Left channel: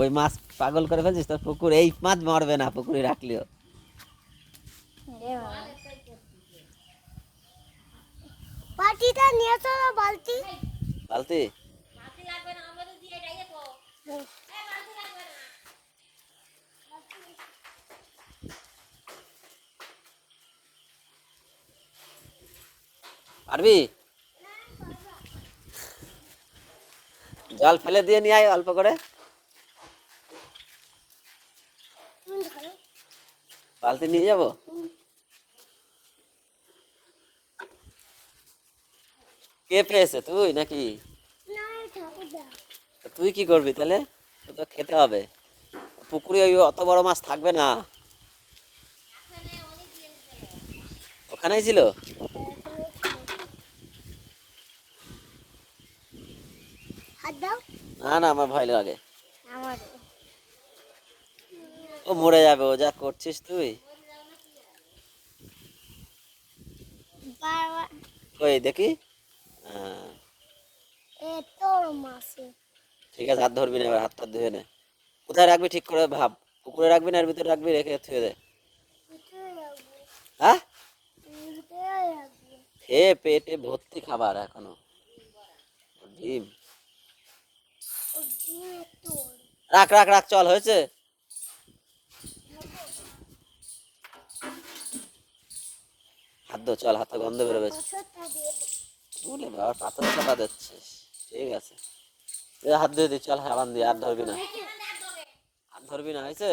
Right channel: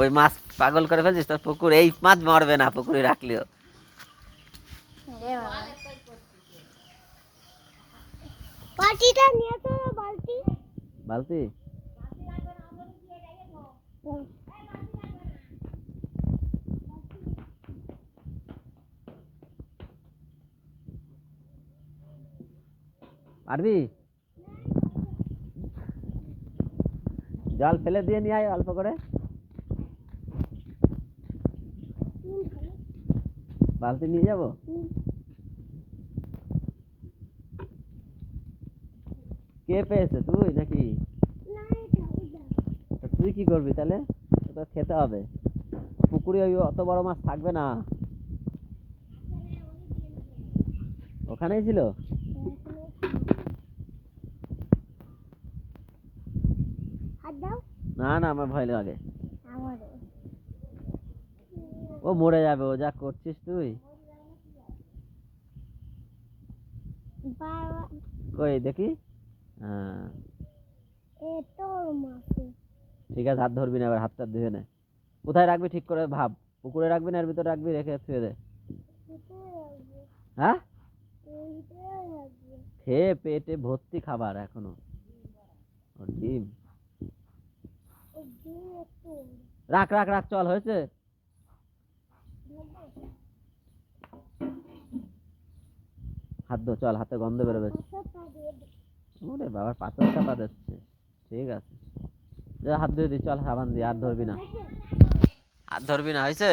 ওই মাছ পাগল করে ফেলছিস তোর পুকুর, এই মাছ মরবে না পুকুরে রাখলেও। বালতি পারবি? জল ফেলে দিয়ে নিয়ে আয় অল্প করে। বালতি নিয়ে যাবো? কে পেয়েছে, তুই নাকি? তুই কি করবি তাহলে? তো খেতে হবে, পুকুরে ওই অত বড় মাছ থাকবে না। ওখানেই ছিল? না না, আমার ভয় লাগে, ও মরে যাবে, ও যা করছিস তুই। ওই দেখি, হ্যাঁ ঠিক আছে, হাত ধরবি না এবার, হাতটা ধুয়ে নে। কোথায় রাখবি ঠিক করে ভাব, পুকুরে রাখবি না এর ভিতরে রাখবি, রেখে থুয়ে দে। হ্যাঁ, খেয়ে পেটে ভর্তি খাবার এখনো, ডিম। রাখ রাখ রাখ, চল হয়েছে। হাত ধো, চল, হাতে গন্ধ বেরোবে। ওরে বাবা, পাথর চাপা দিচ্ছিস, ঠিক আছে হাত ধুয়ে দি, চল সাবান দিয়ে, আর ধরবি না, আর ধরবি না, হয়েছে।